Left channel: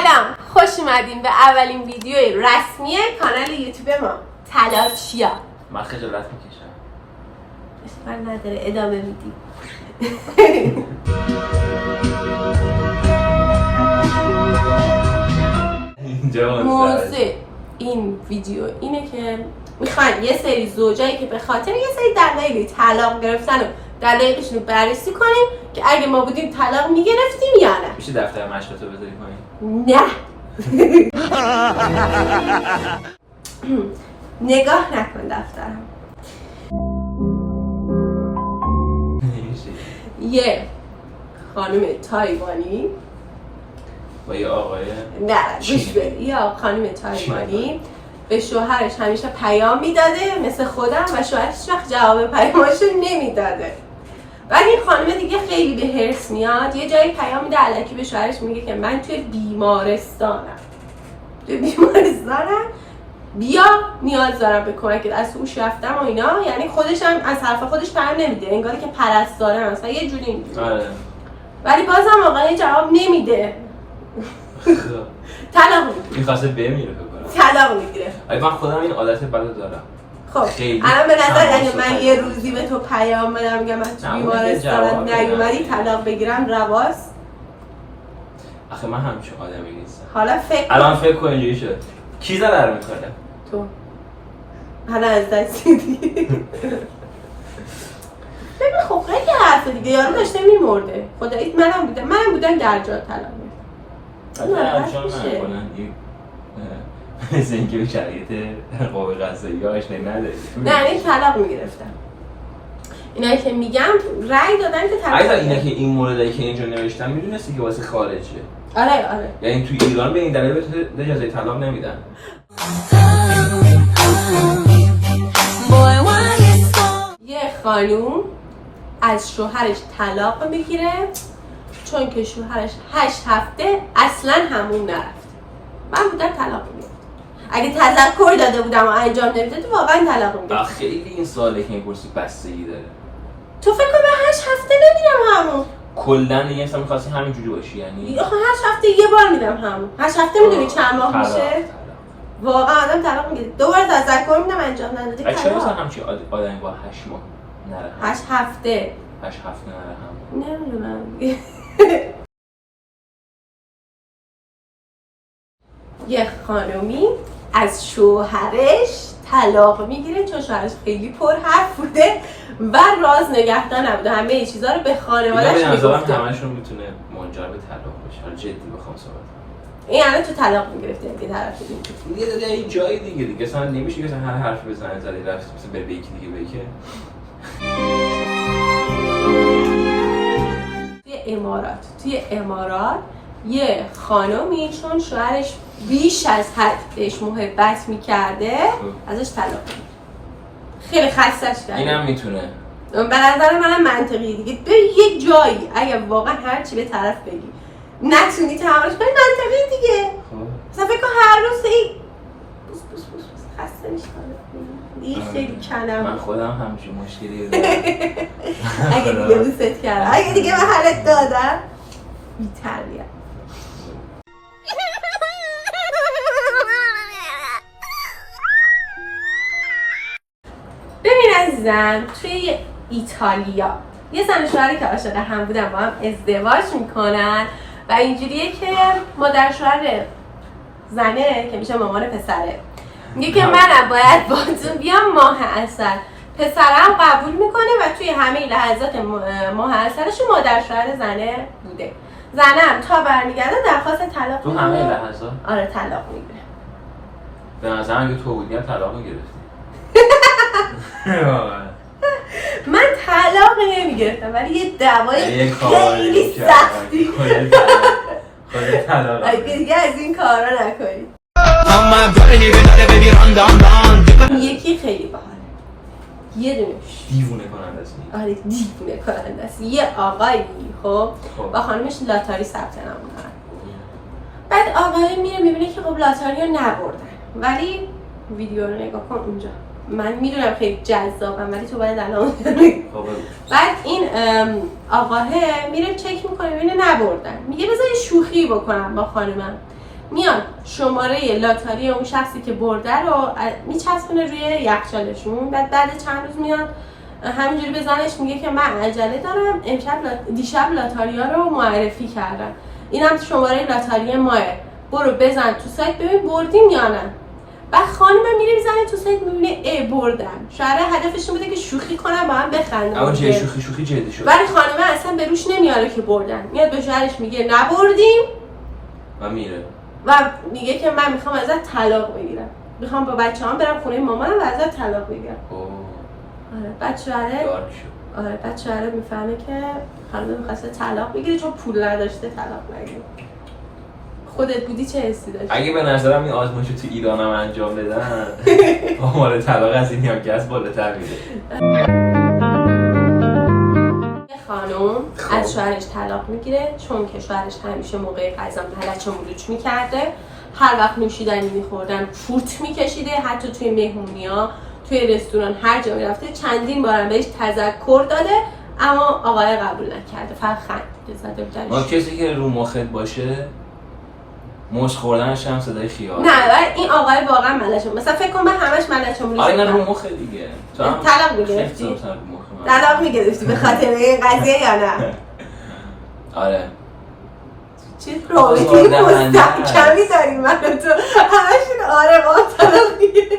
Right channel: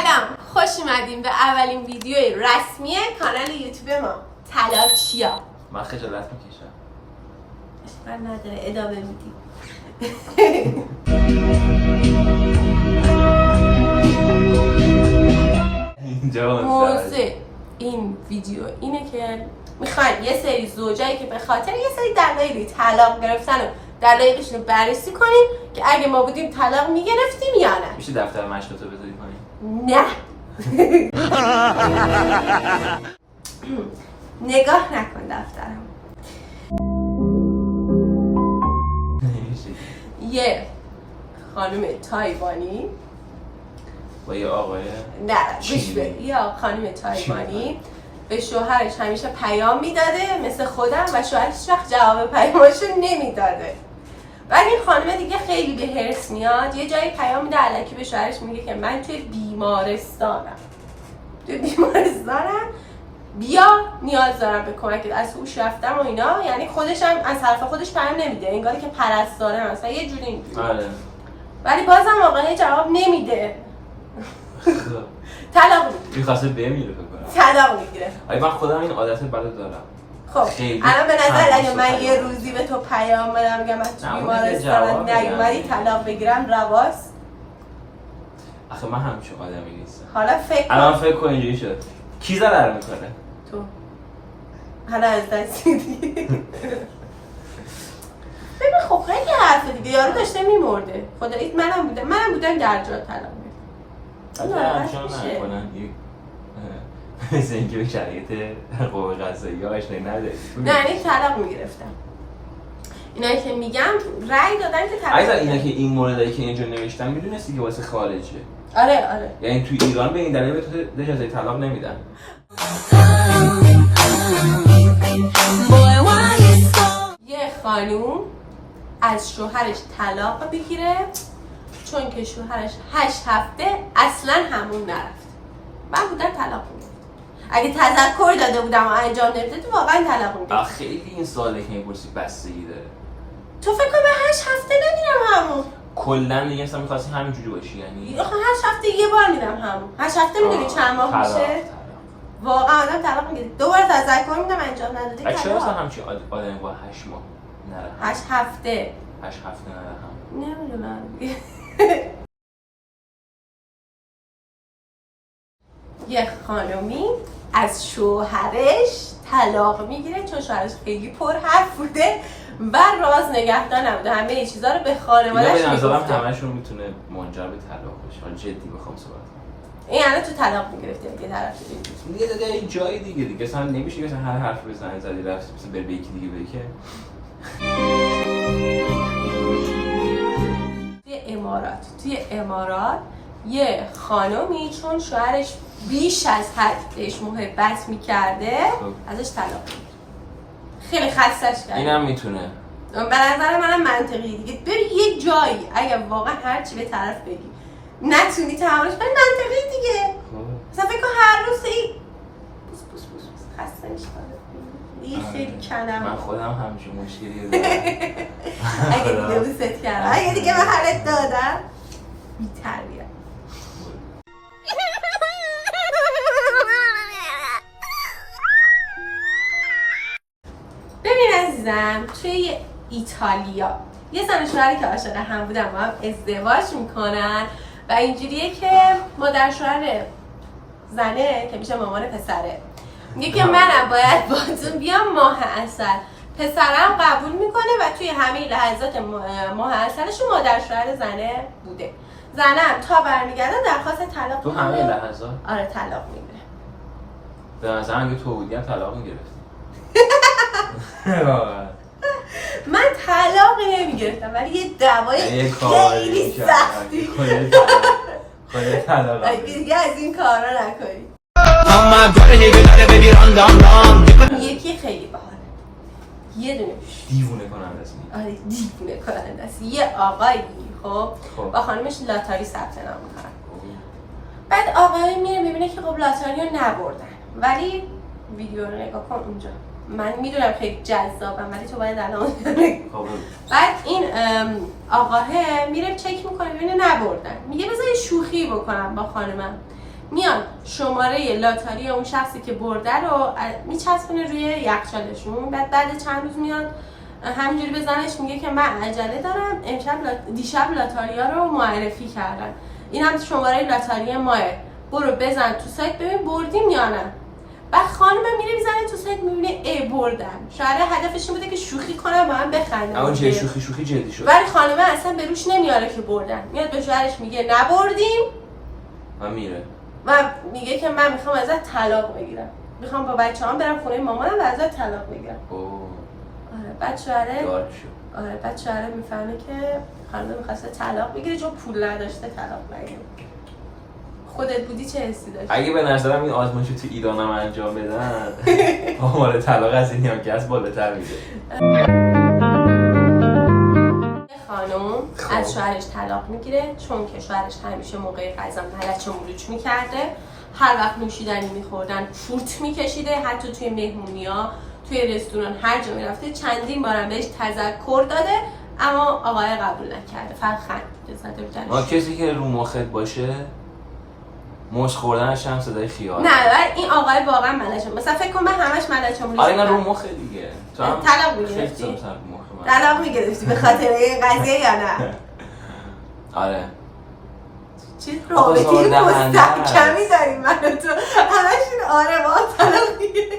سلام، خوش اومدین به اولین ویدیوی رسمی کانال یوتیوب ما تلاشیا. من خجالت میکشم. اشکال نداره، ادامه میدیم. موضوع این ویدیو اینه که میخوایم یه سری زوجایی که به خاطر یه سری دلایلی طلاق گرفتن و دلایلشون رو بررسی کنیم که اگه ما بودیم طلاق میگرفتیم یا نه. میشه دفتر مشقتو بذاری کنیم؟ نه. نگاه نکن دفترم. یه خانم تایوانی با یه آقای نه گوش بده، یه خانم تایوانی به شوهرش همیشه پیام میداده مثل خودم و شوهرش هیچ وقت جواب پیاماشو نمیداده. ولی این خانم دیگه خیلی به هرس میاد، یه جایی پیام میده الکی به شوهرش میگه که من توی بیمارستانم، بیا نیاز دارم به کمکت، از هوش رفتم و اینا. یعنی خودش هم از حرف خودش پیام نمیده، انگاری که پرستاره مثلا یه جوری اینجوری. ولی بازم آقای جواب نمیده. طلاق میگیره. می‌خواسته بمیره طلاق میگیره. ولی من خودم این عادت بد دارم. خب الان به نظر اگه من یه روزی به تو پیام بدم میگم من تو بیمارستانم نیومدی طلاق بگیرم رواست؟ آخه من همچون آدمی نیستم. حالا الان فکر کن اینجوری شد. کی ضرر میکنه؟ تو. حالا از دست دیگه. ببین خب خیلی حرفه دیگه، یارو داشته میمرده. خدایی منم بودم در جا طلاق میگیرم. همچنان نکنن مثل اینکه به شرایط قوه قضاییه آشنایی نداری. نه این طلاق میگرفتم. اینایی که میگم رأی دادن که طلاق میگرفتن. اینا که این موردایی که اینجا نوشتن میدونستی که واسه خارجه. آره. یعنی توی ایران به این دلیل به تو اجازه طلاق نمیدن. یه خانوم از شوهرش طلاق بگیره چون که شوهرش 8 هفته اصلا حموم نرفت. من بودم طلاق میگرفتم. اگه تذکر داده بودم و انجام نمیداد واقعا طلاق میگرفتم. خیلی این سواله که میپرسی بستگی داره. تو فکر کن من 8 هفته نمیرم حموم. کلا دیگه اصلا می‌خواستی همینجوری باشی یعنی. آخه 8 هفته یه بار میرم حموم. 8 هفته میدونی چند ماه میشه؟ واقعا آدم طلاق میگیره. دوباره تذکر میدم انجام ندادی. چرا مثلا همچین آدمی با 8 ماه نره؟ 8 هفته. 8 هفته نره هم. نمیدونم. یه خانومی از شوهرش طلاق میگیره چون شوهرش خیلی پر حرف بوده و راز نگهدار نبوده، همه چیزا رو به خانواده‌اش میگفته. همشون میتونه منجر به طلاق بشه. حالا جدی بخوام صحبت کنم. این الان تو طلاق میگرفتی دیگه طرف دیگه. یه جای دیگه اصلا نمیشه مثلا هر حرف بزنه زدی رفت مثلا بره به یکی دیگه بگه. توی امارات یه خانومی چون شوهرش بیش از حد بهش محبت میکرده ازش طلاق میگیره. خیلی خستش کرده. اینم میتونه. به نظر منم منطقی دیگه. بری یه جایی اگه واقعا هر چی به طرف بگی نتونی تحملش کنی منطقی دیگه. مثلا فکر کن هر روز این بوس خسته میشم. دیگه خیلی کنم. من خودم همچین مشکلی دارم. اگه دیگه بوست کردم، اگه دیگه به حالت دادم بی‌تربیت. ببین عزیزم، توی ایتالیا یه زن و شوهری که عاشق هم بودن با هم ازدواج میکنن و اینجوریه که مادر شوهر زنه که میشه مامان پسره میگه که منم باید باهاتون بیام ماه عسل. پسرم قبول میکنه و توی همه لحظات ماه عسلش مادر شوهر زنه بوده. زنم تا برمیگرده درخواست طلاق تو همه لحظات؟ آره طلاق میگیره. به نظر اگه تو بودی هم طلاق میگرفتی. من طلاق نمیگرفتم ولی یه دعوای خیلی سختی خودت طلاق اگه دیگه از این کارا نکنی. یکی خیلی باحاله، یه دونش دیوونه کننده است. آره دیوونه کننده است. یه آقایی خب با خانمش لاتاری ثبت نام میکنن. بعد آقای میره میبینه که خب لاتاری رو نبردن ولی ویدیو رو نگاه کن اونجا. من میدونم خیلی جذابم ولی تو باید الان بعد این آقاه میره چک میکنه ببینه نبردن. میگه بذار یه شوخی بکنم با خانمم. میان شماره لاتاری اون شخصی که برده رو میچسبونه روی یخچالشون. بعد چند روز میاد همینجوری به زنش میگه که من عجله دارم، دیشب لاتاریا رو معرفی کردن، اینم شماره لاتاری ماه، برو بزن تو سایت ببین بردیم یا نه. بعد خانم میره میزنه تو سایت میبینه ای بردن. شاید هدفش این بوده که شوخی کنه با هم بخندن، اما چه شوخی جدی شد. ولی خانم اصلا به روش نمیاره که بردن. میاد به شوهرش میگه نبردیم و میره و میگه که من میخوام ازت طلاق بگیرم، میخوام با بچه‌هام برم خونه مامانم و ازت طلاق بگیرم. آره بعد شوهره میفهمه که خانم میخواسته طلاق بگیره چون پول نداشته طلاق نگیره. خودت بودی چه حسی داشتی؟ اگه به نظرم این آزمایشو تو ایرانم انجام بدن آمار طلاق از این هم که از بالاتر میره. خانم از شوهرش طلاق میگیره چون که شوهرش همیشه موقع غذا پلچ مولوچ میکرده، هر وقت نوشیدنی میخوردن فوت میکشیده، حتی توی مهمونی‌ها توی رستوران هر جا میرفته چندین بارم بهش تذکر داده اما آقای قبول نکرده، فقط خندیده زده بودنش. کسی که رو مخت باشه مش خوردنش هم صدای خیال. نه ولی این آقای واقعا ملچه، مثلا فکر کن من همش ملچه مولوچ. آره نه رو مخ دیگه. طلاق میگرفتی؟ طلاق میگرفتی به خاطر این قضیه یا نه؟ آره. چیز رابطه مستحکمی داریم من و تو همشون آره با طلاق میگیره.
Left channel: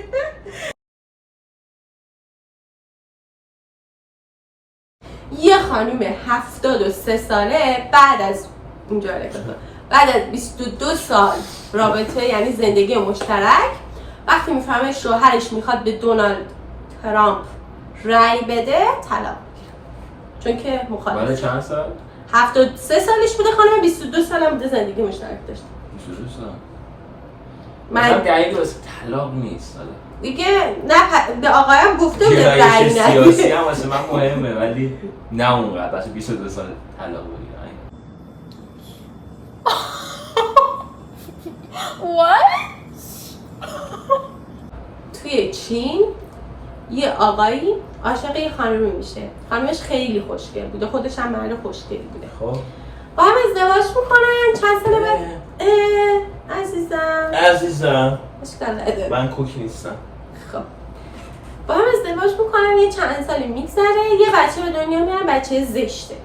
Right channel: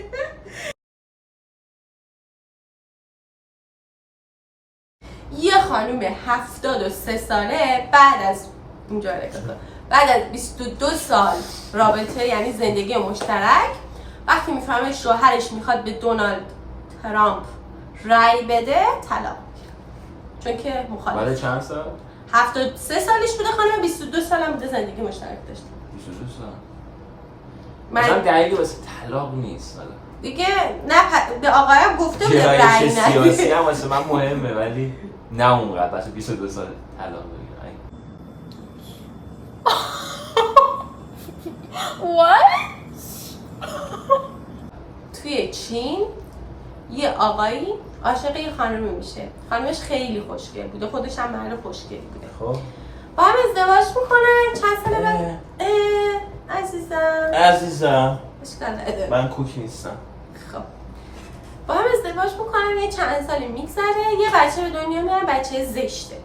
یه خانوم 73 ساله بعد از اینجا بعد از 22 سال رابطه یعنی زندگی مشترک وقتی میفهمه شوهرش میخواد به دونالد ترامپ رای بده طلاق میگیره چون که مخالفه. بعد چند سال؟ 73 سالش بوده خانم، 22 سال هم بوده زندگی مشترک داشته. 22 سال. من دلیلی واسه طلاق نیست حالا. دیگه نه به آقایم گفته بوده رای نده. سیاسی هم واسه من مهمه ولی نه اونقدر واسه 22 سال طلاق بگیرن. توی چین یه آقایی عاشق یه خانمی میشه، خانمش خیلی خوشگل بوده، خودش هم مرد خوشگلی بوده. خب با هم ازدواج میکنن چند سال بعد عزیزم من کوک نیستم. خب با هم ازدواج میکنن یه چند سالی میگذره یه بچه به دنیا میاره، بچه زشته.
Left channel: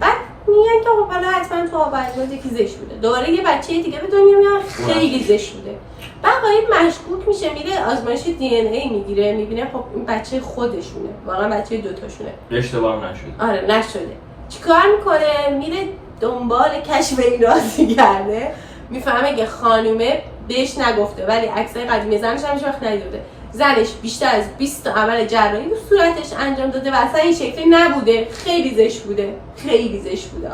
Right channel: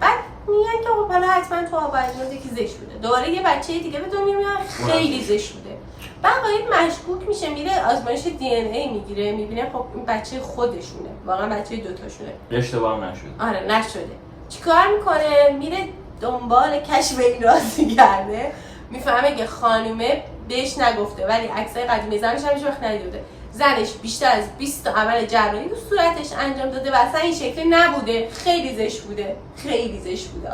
بعد میگن که خب حالا حتما تو آب اجازه که زشت بوده، دوباره یه بچه دیگه به دنیا میاره خیلی زشت بوده. بعد آقای مشکوک میشه میره آزمایش دی ان ای میگیره میبینه خب این بچه خودشونه، واقعا بچه دوتاشونه، اشتباه نشده. آره نشده. چیکار میکنه؟ میره دنبال کشف این راز میگرده، میفهمه که خانومه بهش نگفته ولی عکسای قدیمی زنش هم هیچ وقت ندیده بوده. زنش بیشتر از 20 تا عمل جراحی رو صورتش انجام داده و اصلا این شکلی نبوده، خیلی زشت بوده، خیلی زشت بوده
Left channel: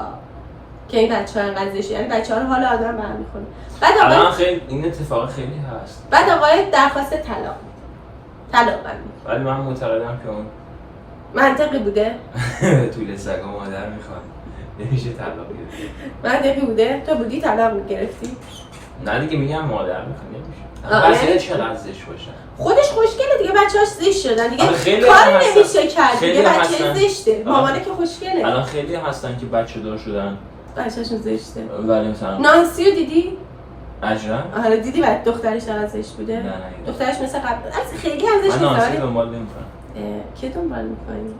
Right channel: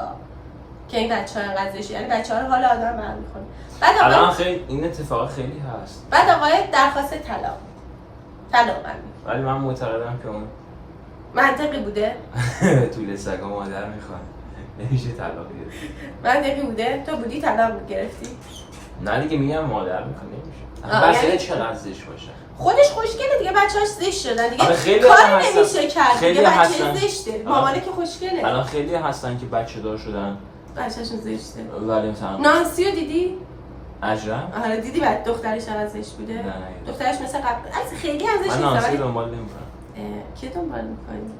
که این بچه‌ها انقدر زشته، یعنی بچه‌ها رو حال آدم برمی‌خوره. بعد الان خیلی این اتفاق خیلی هست. بعد آقای درخواست طلاق ولی من معتقدم که اون منطقی بوده. طول سگا مادر میخواد نمیشه طلاق بگیره. منطقی بوده. تو بودی طلاق میگرفتی؟ نه دیگه میگم مادر میخواد نمیشه. بچه‌ها چقدر زشت باشن. خودش خوشگله دیگه، بچه‌هاش زشت شدن دیگه. کاری نمیشه کرد دیگه، بچه زشته. مامانه که خوشگله. الان خیلی هستن که بچه دار شدن بچه‌شون زشته. ولی مثلا نانسی رو دیدی؟ اجرا؟ آره دیدی بعد دخترش چقدر زشت بوده؟ نه دخترش مثل قبل از خیلی هم زشت نیست. من نانسی دنبال نمی‌کنم. کی دنبال می‌کنی؟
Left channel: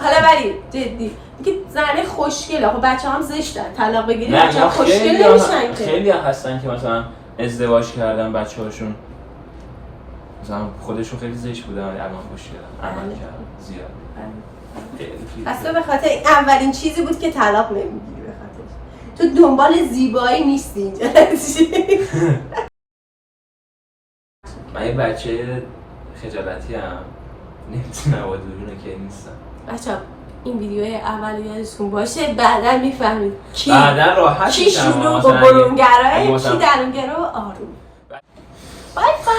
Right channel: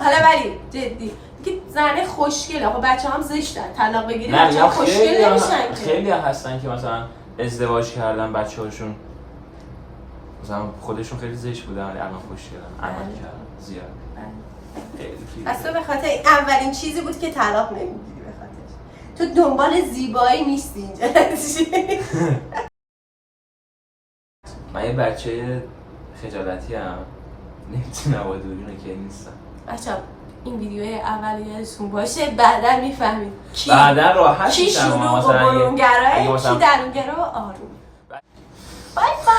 حالا ولی جدی میگه زنه خوشگله، خب بچه‌هام زشتن، طلاق بگیری بچه‌ها خوشگل نمیشن که. خیلی هستن که مثلا ازدواج کردن بچه‌هاشون مثلا خودشون خیلی زشت بودن ولی الان خوشگلن، عمل کردن زیاد. اصلا به خاطر اولین چیزی بود که طلاق نمیگیری، به خاطرش تو دنبال زیبایی نیستی اینجا. من یه بچه خجالتی هم نمیتونم با دوربین که نیستم. بچه‌ها این ویدیوی اول یادتون باشه، بعدا میفهمید کی بعدا راحت کی شروع و برونگراه، کی درونگرا و آروم. بای بای.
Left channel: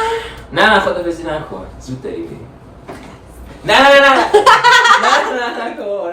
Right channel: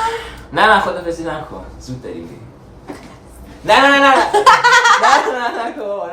نه خدافظی نکن، زود داری بریم. نه نکن